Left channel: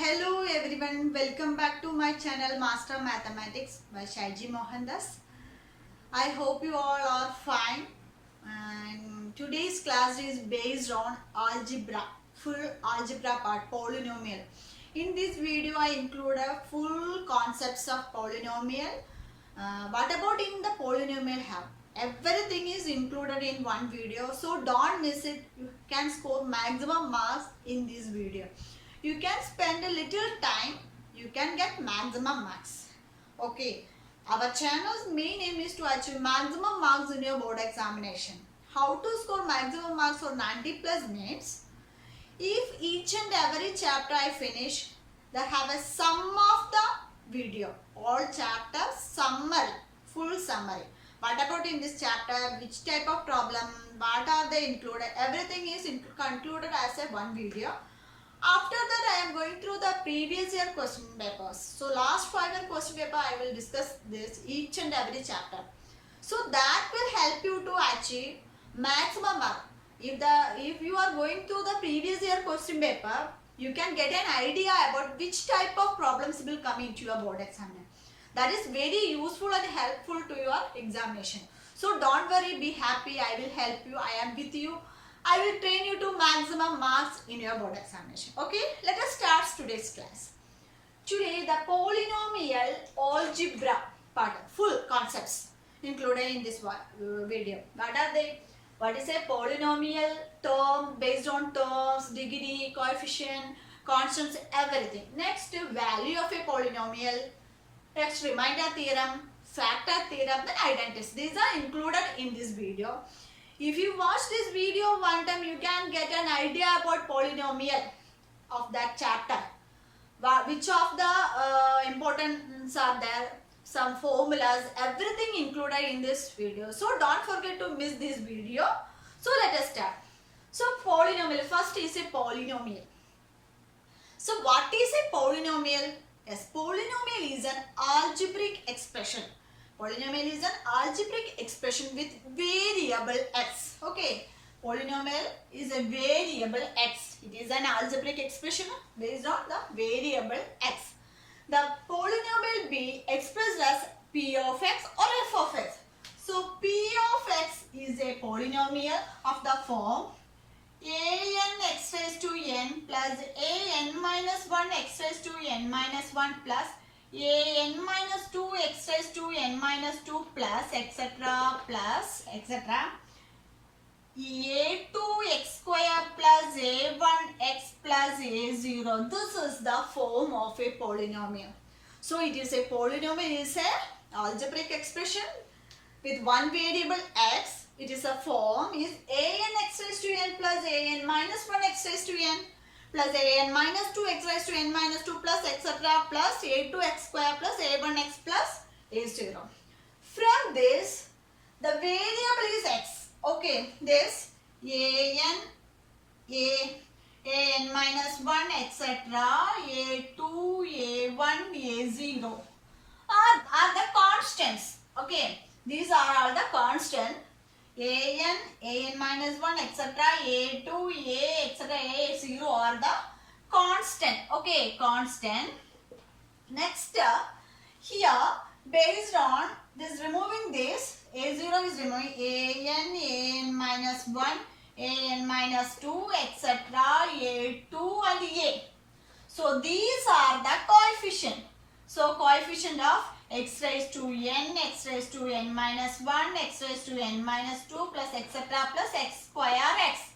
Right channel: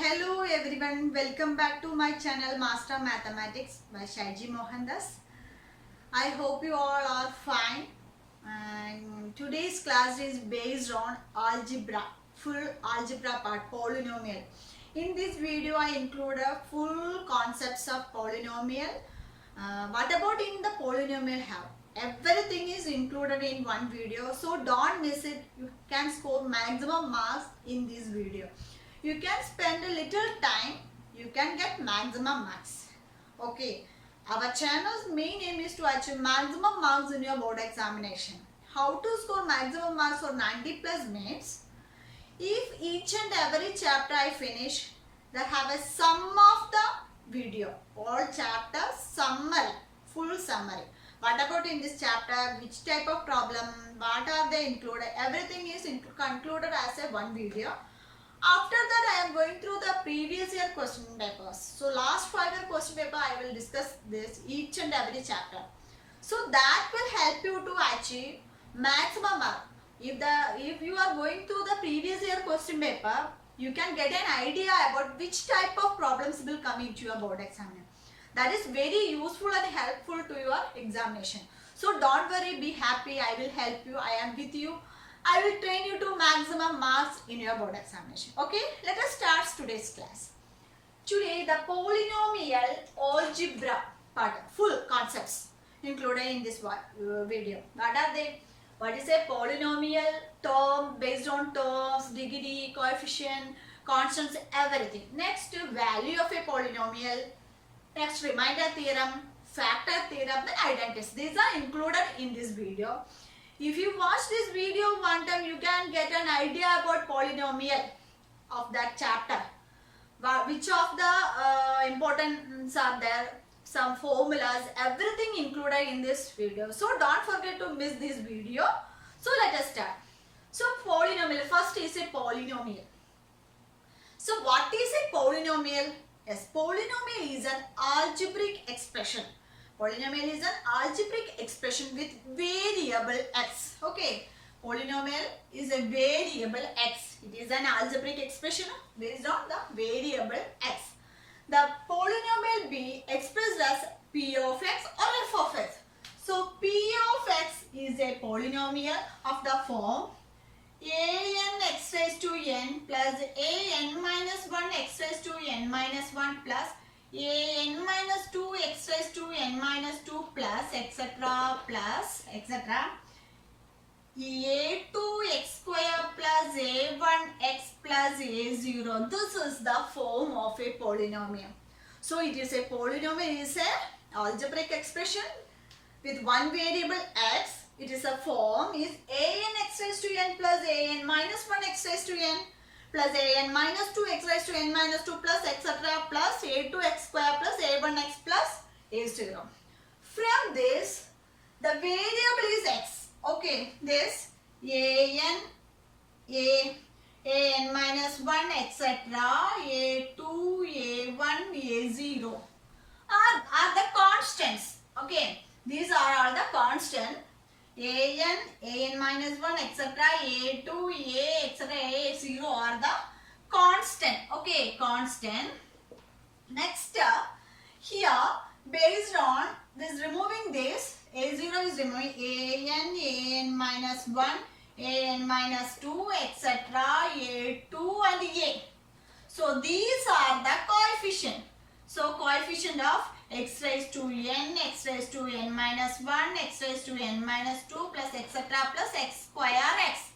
Hello everyone, welcome back to my channel Master Mathematics by Shaiji Mohandas. I hope you all are fine. And today's class is based on algebra, full algebra part, polynomial. In this video, I include a full concepts of polynomial. What about in the polynomial have? Everything is included in one video, so don't miss it. You can score maximum marks in this video. You can spend a little time, you can get maximum marks. Okay, our channel's main aim is to achieve maximum marks in your board examination. How to score maximum marks for 90 plus means, if each and every chapter I finish, they have a sum of the video, all chapters summary, full summary. What about in this chapter, which type of problem, what are they included, everything is concluded as a one video. After that, I am going through the previous year question papers. So last 5 year question paper, I will discuss this each and every chapter. So that will help you to achieve maximum mark. If you are going through the previous year question paper, you can get an idea about which type of problems will come into your board exam. That is very useful and helpful to your examination. So don't worry, be happy. I will help you. I am with you. I will train you to maximum marks in your board examination. Okay, let us start today's class. Today, the polynomial algebra part, full concepts included in this video. What are they? What is a polynomial? Term, based on terms, degree, coefficient, constants, everything. Next, value of a polynomial. Next, remainder theorem, factor theorem, then identities. These are included in this video. If you watch this video one time, you can get an idea about polynomial of that chapter. Which of the importance are there, some formulas, everything included in this video. So don't forget to miss this video. So let us start. So polynomial, first is a polynomial. So what is a polynomial? Yes, polynomial is an algebraic expression. Polynomial is an algebraic expression with variable x. Okay, polynomial is a variable x. It is an algebraic expression based on the variable x. The polynomial be expressed as p of x or f of x. So p of x is a polynomial of the form an x raised to n plus an minus 1 x raised to n minus 1 plus an minus 2 x raised to n minus 2 plus etc. a2 x square plus a1 x plus a0. This is the form of a polynomial. So it is a polynomial, is a algebraic expression with one variable x. It is a form is an x raised to n plus an minus 1 x raised to n plus an minus 2 x raised to n minus 2 plus etc. plus a2 x square plus a1 x plus a0. From this, the variable is x. Okay, this an minus 1 etc. a2 a1 a0 are the constants. Okay, these are all the constant. an minus 1 etc. a2 a etc. a0 are the constant. Okay, constant. Next, here based on this, removing this, a0 is removing an minus 1 an minus 2 etc. a2 and a. So these are the coefficient. So coefficient of x raised to n, x raised to n minus 1, x raised to n minus 2 plus etc. plus x square x.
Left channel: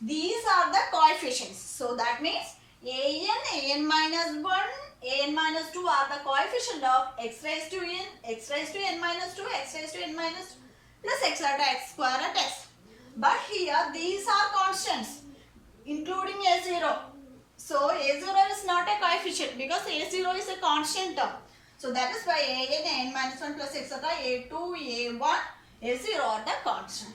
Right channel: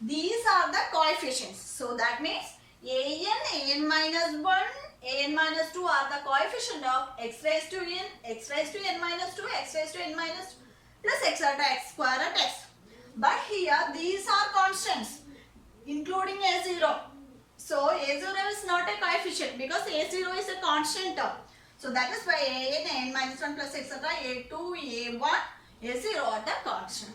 These are the coefficients. So that means an minus 1, an minus 2 are the coefficient of x raised to n, x raised to n minus 2, x raised to n minus 2 plus etc. x square at x. But here these are constants including a0. So a0 is not a coefficient because a0 is a constant term. So that is why an minus 1 plus etc. a2, a1, a0 are the constant.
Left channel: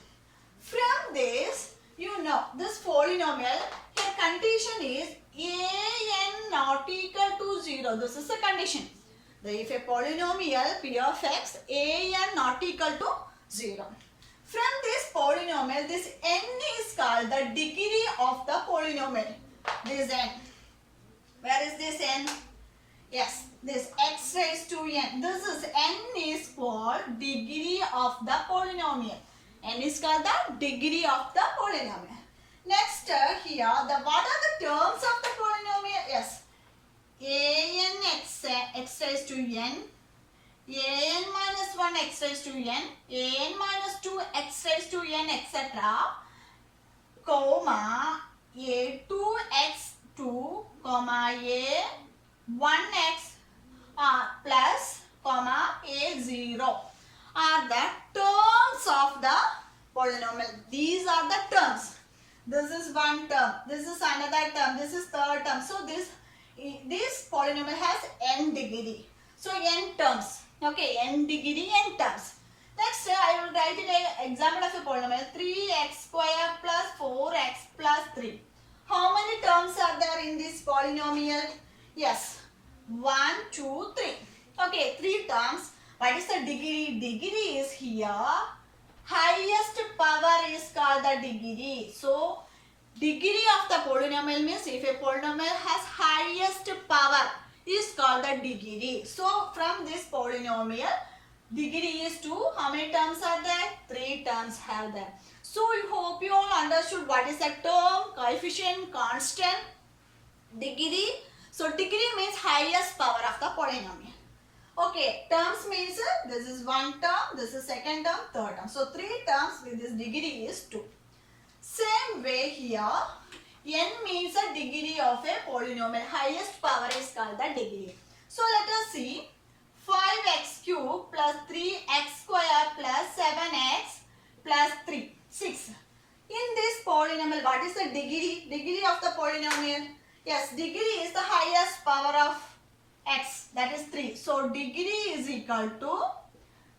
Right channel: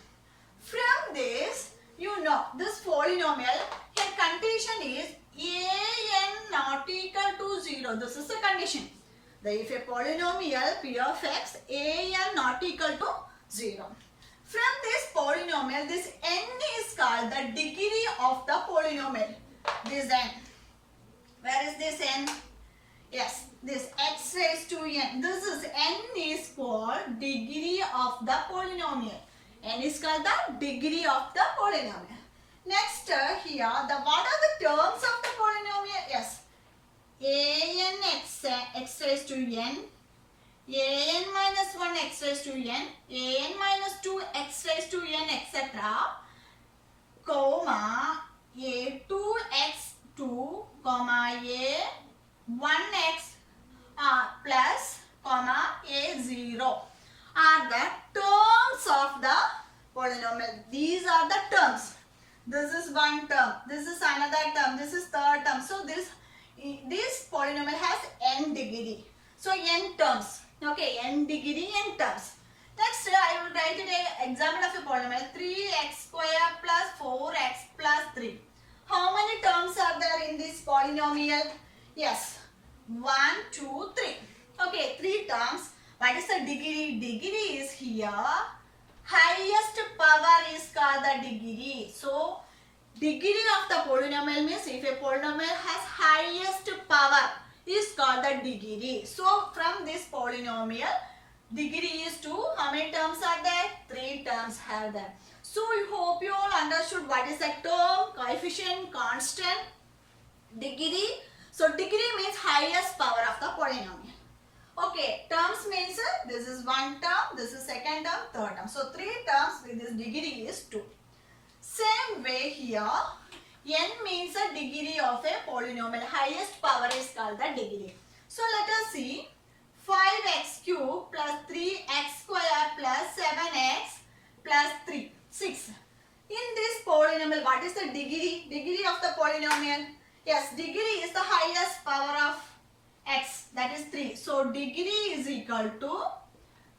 From this, you know this polynomial, here condition is an not equal to 0. This is the condition. If a polynomial p of x, an not equal to 0. From this polynomial, this n is called the degree of the polynomial. This n. Where is this n? Yes, this x raised to n. This is n is called degree of the polynomial. N is called the degree of the polynomial. Next here, what are the terms of the polynomial? Yes, x raised to n, an minus 1 x raised to n, an minus 2 x raised to n, etc. comma a2x2 comma a1x plus comma a0 are the terms of the polynomial. These are the terms. This is one term, this is another term, this is third term. So this polynomial has n degree. So n terms. Okay, n degree, n terms. Next, I will write an example of a polynomial 3x square plus 4x plus 3. How many terms are there in this polynomial? Yes, 1, 2, 3. Okay, 3 terms. What is the degree? Degree is here. Highest power is called the degree. So, degree of the polynomial means if a polynomial has highest power is called the degree. So, from this polynomial, degree is 2. How many terms are there? 3 terms are there. So, I hope you all understood what is the term, coefficient, constant, degree. So, degree means highest power of the polynomial. Okay, terms means this is one term, this is second term, third term. So, 3 terms with this degree is 2. Same way here, n means a degree of a polynomial. Highest power is called the degree. So, let us see 5x cube plus 3x square plus 7x plus 3, 6. In this polynomial, what is the degree? Degree of the polynomial? Yes, degree is the highest power of x, that is 3. So, degree is equal to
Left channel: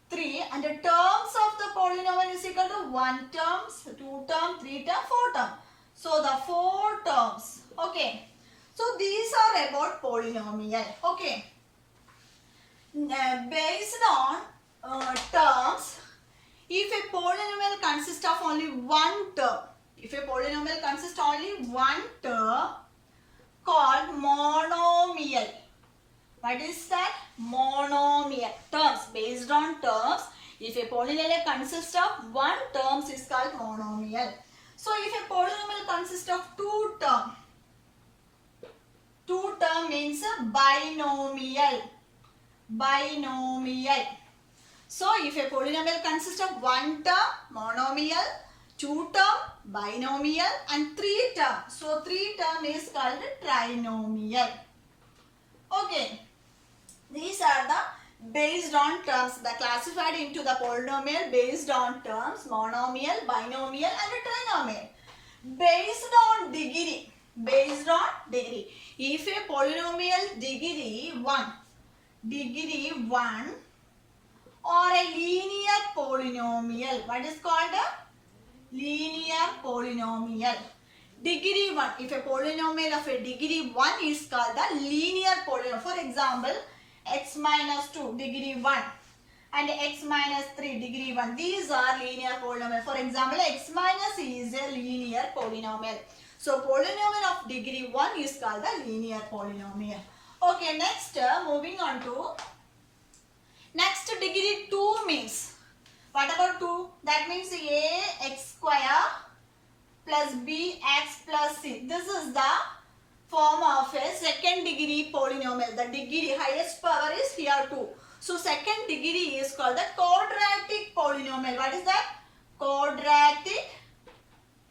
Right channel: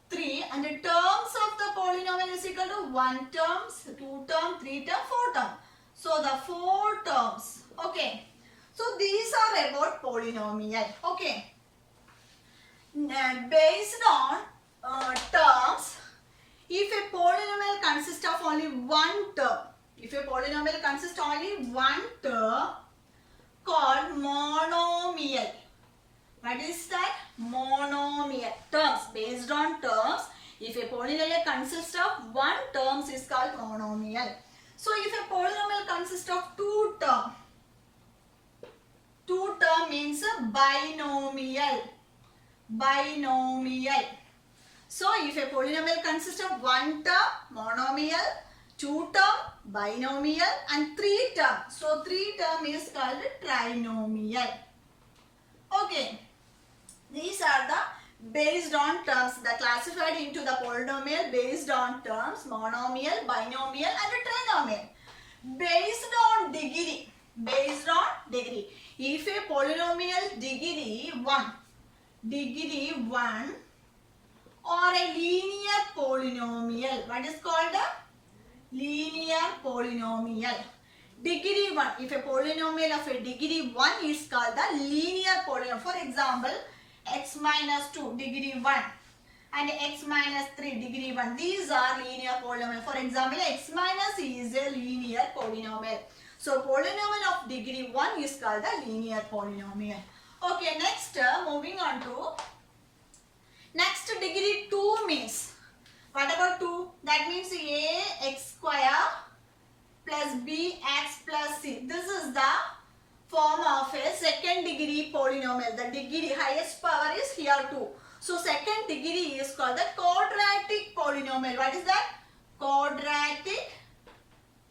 3 and the terms of the polynomial is equal to 1 terms, 2 terms, 3 terms, 4 terms. So, the 4 terms. Okay. So, these are about polynomial. Okay. Based on terms, if a polynomial consists of only one term, if a polynomial consists only one term called monomial. What is that? Monomial. Terms. Based on terms, if a polynomial consists of one term is called monomial. So, if a polynomial consists of two terms means binomial. Binomial. So, if a polynomial consists of one term, monomial, two term, binomial and three term. So, three term is called trinomial. Okay. These are the based on terms, the classified into the polynomial based on terms, monomial, binomial and trinomial. Based on degree. Based on degree. If a polynomial degree 1 or a linear polynomial. What is called a linear polynomial? Degree 1. If a polynomial of a degree 1 is called the linear polynomial. For example, x minus 2 degree 1 and x minus 3 degree 1. These are linear polynomial. For example, x minus is a linear polynomial. So, polynomial of degree 1 is called the linear polynomial. Okay, next moving on to next degree 2 means, what about 2? That means ax square plus bx plus c. This is the form of a second degree polynomial. The degree highest power is here 2. So, second degree is called the quadratic polynomial. What is that? Quadratic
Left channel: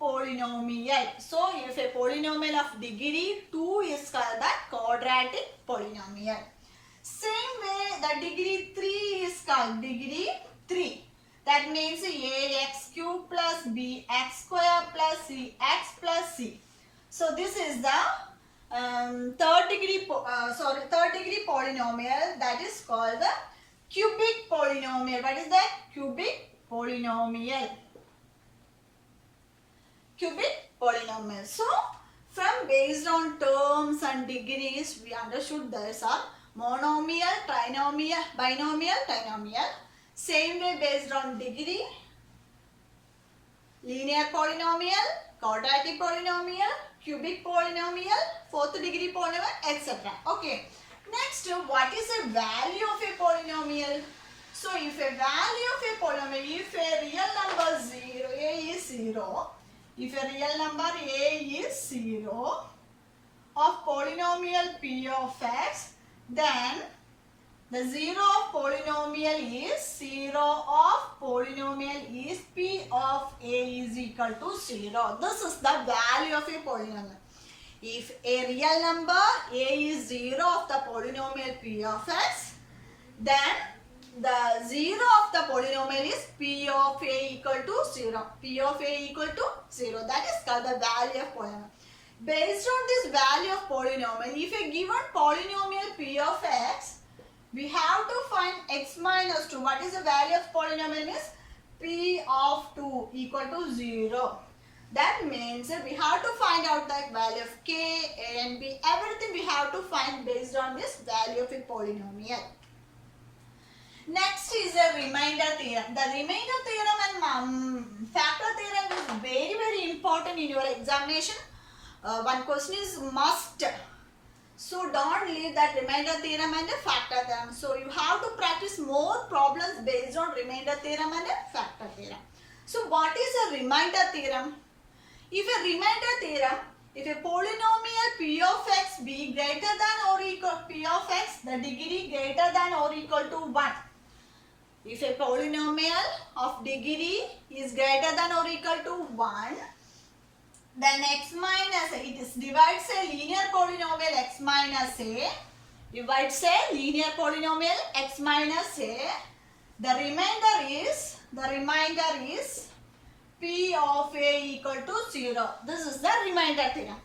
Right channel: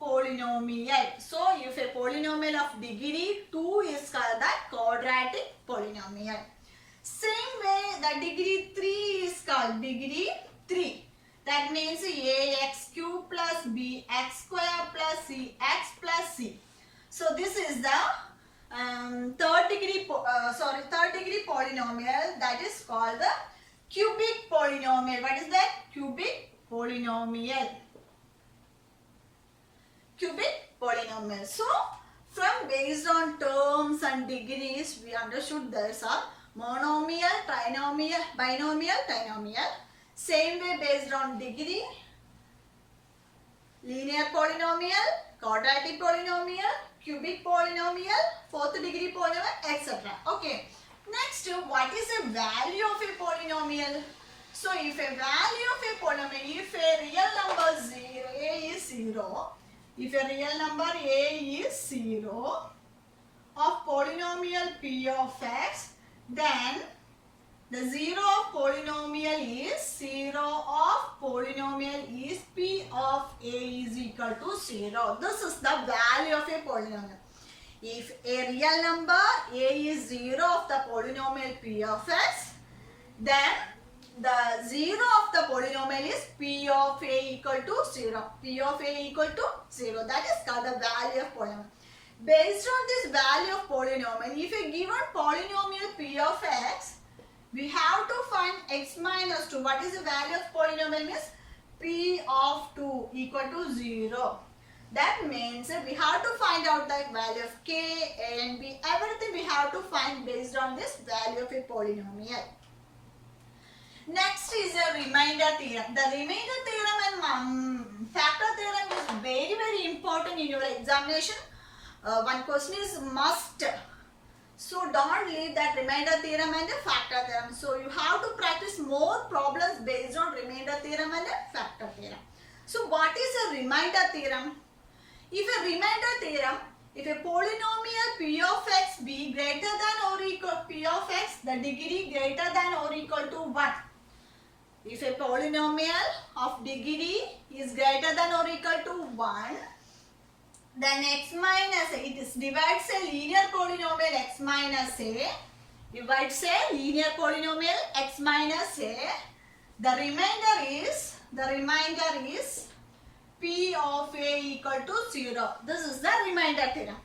polynomial. So, if a polynomial of degree 2 is called the quadratic polynomial. Same way, the degree 3 is called degree 3. That means ax cube plus bx square plus cx plus c. So, this is the third degree polynomial, that is called the cubic polynomial. What is that? Cubic polynomial. Cubic polynomial. So, from based on terms and degrees, we understood there is a monomial, trinomial, binomial, trinomial. Same way based on degree, linear polynomial, quadratic polynomial, cubic polynomial, fourth degree polynomial, etc. Okay. Next, what is the value of a polynomial? So, if a value of a polynomial, if a real number 0, a is 0, if a real number a is 0 of polynomial p of x, then the 0 of polynomial is 0 of polynomial is p of a is equal to 0. This is the value of a polynomial. If a real number a is 0 of the polynomial p of x, then the 0 of the polynomial is p of a equal to 0. P of a equal to 0. That is called the value of polynomial. Based on this value of polynomial, if a given polynomial p of x, we have to find x minus 2. What is the value of polynomial means? P of 2 equal to 0. That means we have to find out the value of k, a and b. Everything we have to find based on this value of a polynomial. Next is a remainder theorem. The remainder theorem and factor theorem is very important in your examination. One question is must. So don't leave that remainder theorem and a factor theorem. So you have to practice more problems based on remainder theorem and a factor theorem. So what is a remainder theorem? If a remainder theorem, if a polynomial p of x be greater than or equal p of x, the degree greater than or equal to 1. If a polynomial of degree is greater than or equal to 1, then x minus a, it is divides a linear polynomial x minus a, divides a linear polynomial x minus a. The remainder is p of a equal to 0. This is the remainder theorem.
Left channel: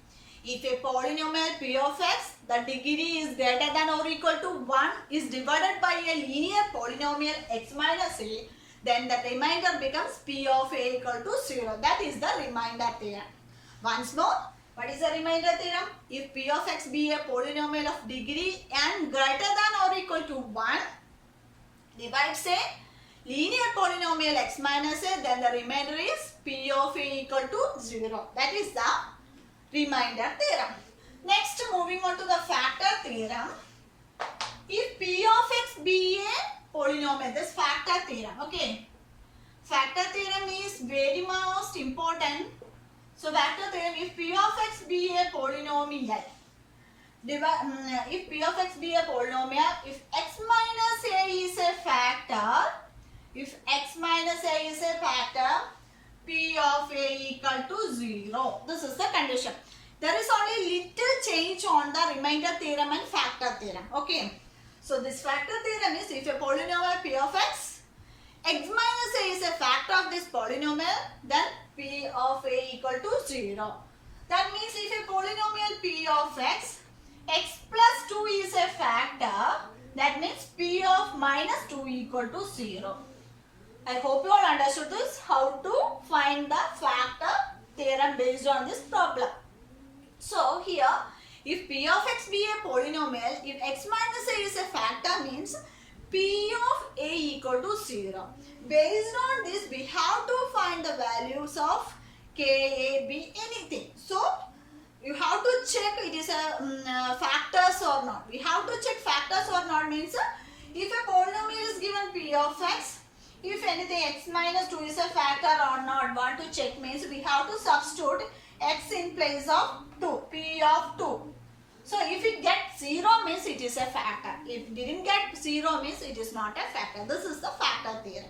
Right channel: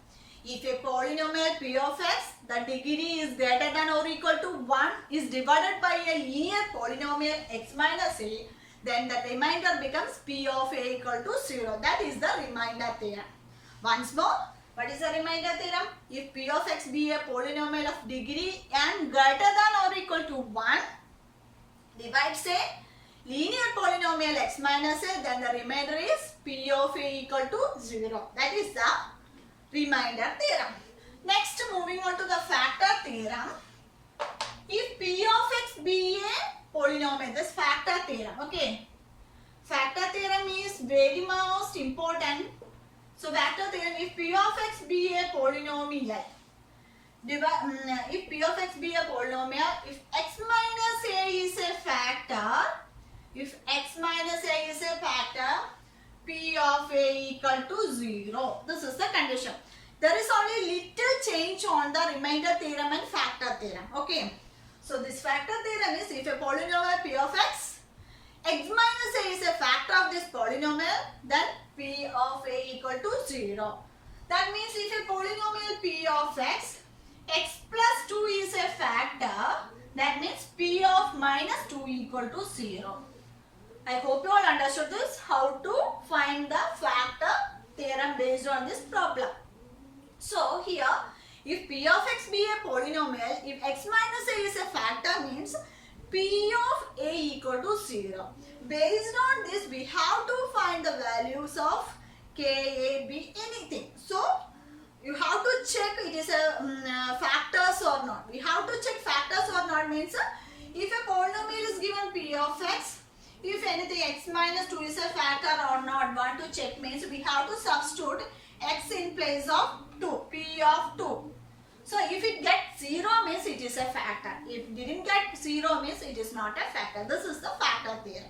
If a polynomial p of x, the degree is greater than or equal to 1 is divided by a linear polynomial x minus a, then the remainder becomes p of a equal to 0. That is the remainder theorem. Once more, what is the remainder theorem? If p of x be a polynomial of degree and greater than or equal to 1, divides a linear polynomial x minus a, then the remainder is p of a equal to 0. That is the remainder theorem. Next, moving on to the factor theorem. If p of x be a polynomial, this factor theorem. Okay. Factor theorem is very most important. So factor theorem, if p of x be a polynomial, if p of x be a polynomial, if x minus a is a factor, p of a equal to 0. This is the condition. There is only little change on the remainder theorem and factor theorem. Okay. So this factor theorem is if a polynomial p of x minus a is a factor of this polynomial, then p of a equal to 0. That means if a polynomial p of x plus 2 is a factor, that means p of minus 2 equal to 0. I hope you all understood this, how to find the factor theorem based on this problem. So here, if p of x be a polynomial, if x minus a is a factor means p of a equal to 0. Based on this, we have to find the values of k, a, b, anything. So, you have to check it is a factors or not. We have to check factors or not means if a polynomial is given p of x, if anything x minus 2 is a factor or not, want to check means we have to substitute x in place of 2, p of 2. So if it gets 0 means it is a factor. If it didn't get 0 means it is not a factor. This is the factor theorem.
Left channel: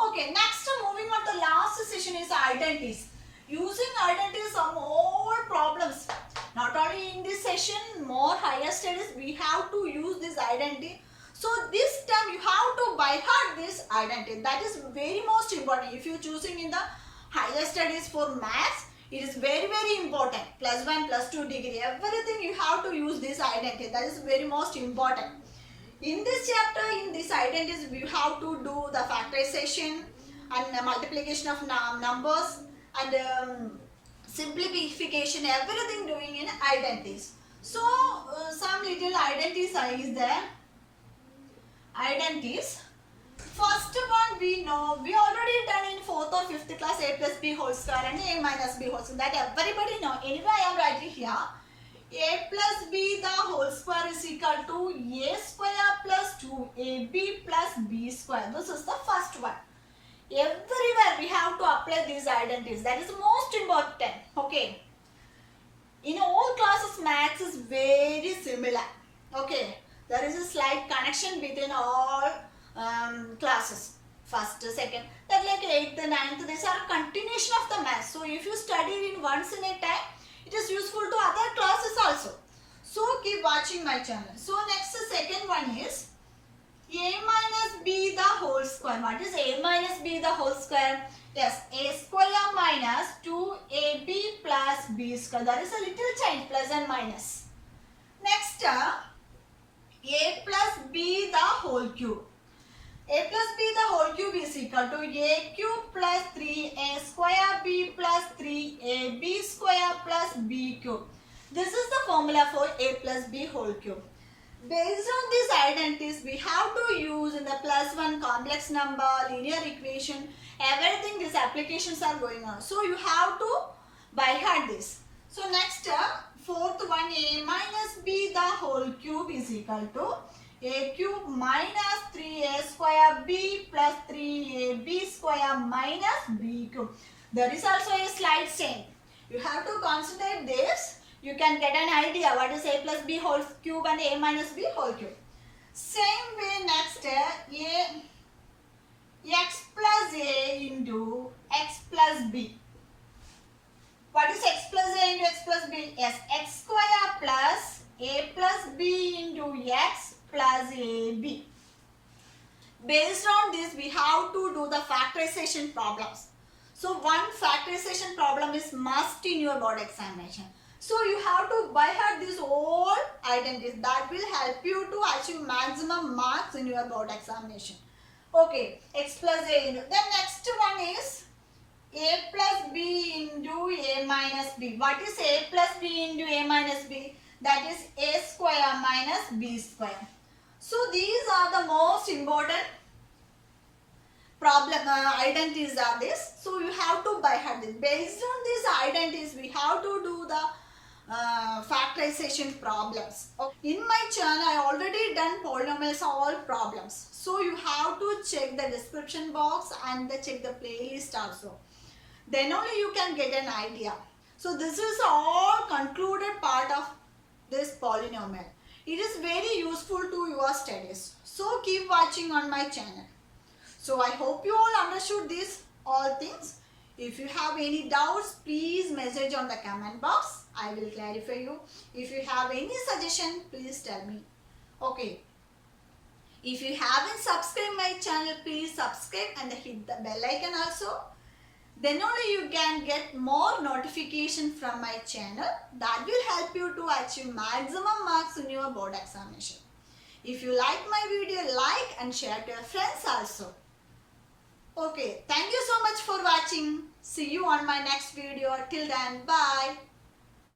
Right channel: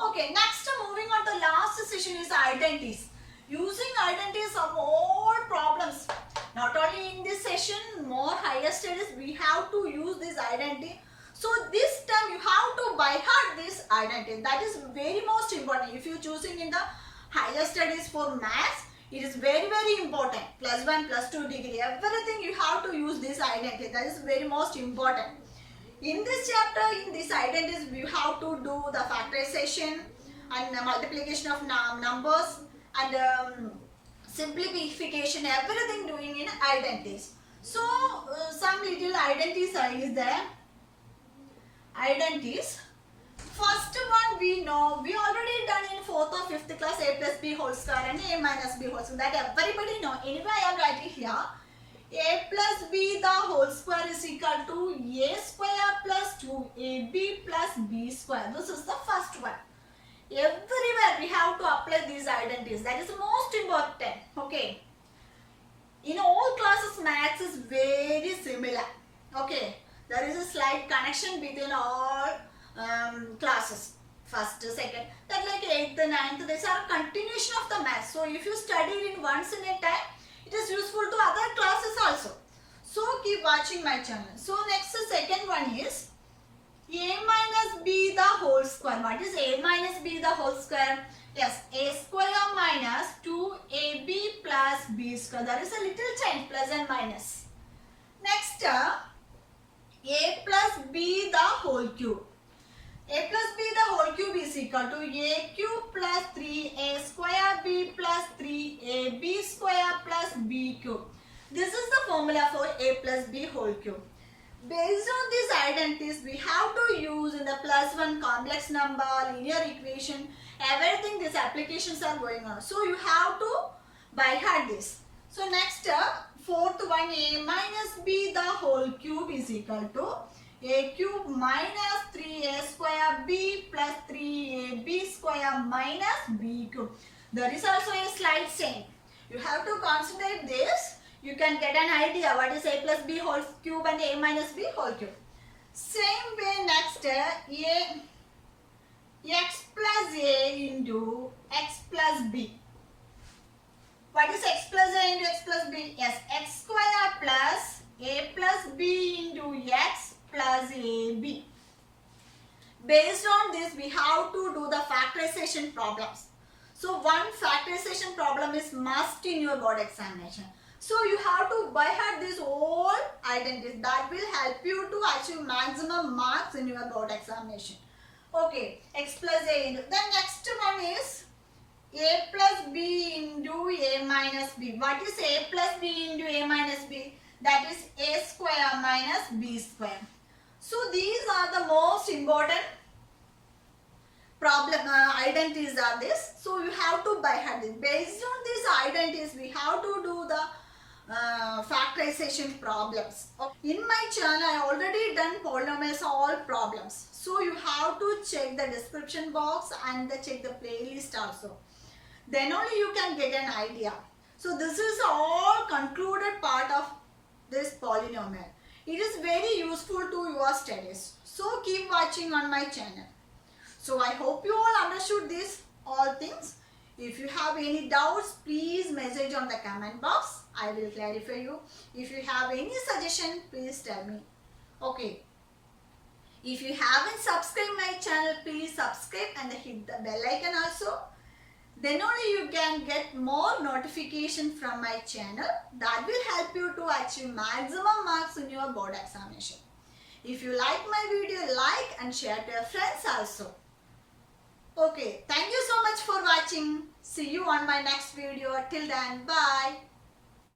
Okay, next moving on to last session is identities. Using identities of more problems. Not only in this session, more higher studies we have to use this identity. So this time you have to by heart this identity. That is very most important. If you are choosing in the higher studies for maths, it is very important. +1, +2 degree. Everything you have to use this identity. That is very most important. In this chapter, in this identities, we have to do the factorization and multiplication of numbers and simplification. Everything doing in identities. So some little identities is there. Identities. first one we know, we already done in 4th or 5th class a plus b whole square and a minus b whole square. That everybody know. Anyway, I am writing here. A plus b the whole square is equal to a square plus 2ab plus b square. This is the first one. Everywhere we have to apply these identities. That is most important. Okay. In all classes, maths is very similar. Okay. There is a slight connection between all classes. First, second, that like 8th, 9th, these are a continuation of the maths. So if you study it once in a time, it is useful to other classes also. So keep watching my channel. So next, the second one is a minus b the whole square. What is a minus b the whole square? Yes, a square minus 2ab plus b square. That is a little change, plus and minus. Next, a plus b the whole cube. A plus b the whole cube is equal to a cube plus 3a square b plus 3ab square plus b cube. This is the formula for a plus b whole cube. Based on these identities, we have to use in the plus one complex number, linear equation, everything these applications are going on. So you have to by heart this. So next, fourth one, a minus b the whole cube is equal to a cube minus 3a square b plus 3ab square minus b cube. There is also a slight change. You have to concentrate this. You can get an idea what is a plus b whole cube and a minus b whole cube. Same way next, a x plus a into x plus b. What is x plus a into x plus b? Yes, x square plus a plus b into x plus ab. Based on this, we have to do the factorization problems. So one factorization problem is must in your board examination. So you have to by heart these all identities. That will help you to achieve maximum marks in your board examination. Okay, x plus a into. Then next one is a plus b into a minus b. What is a plus b into a minus b? That is a square minus b square. So these are the most important problem identities are this. So you have to by heart this. Based on these identities, we have to do the factorization problems. In my channel, I already done polynomials all problems. So you have to check the description box and check the playlist also. Then only you can get an idea. So this is all concluded part of this polynomial. It is very useful to your studies. So keep watching on my channel. So I hope you all understood these all things. If you have any doubts, please message on the comment box. I will clarify you. If you have any suggestion, please tell me. Okay. If you haven't subscribed my channel, please subscribe and hit the bell icon also. Then only you can get more notification from my channel. That will help you to achieve maximum marks in your board examination. If you like my video, like and share to your friends also. Okay, thank you so much for watching. See you on my next video. Till then, bye.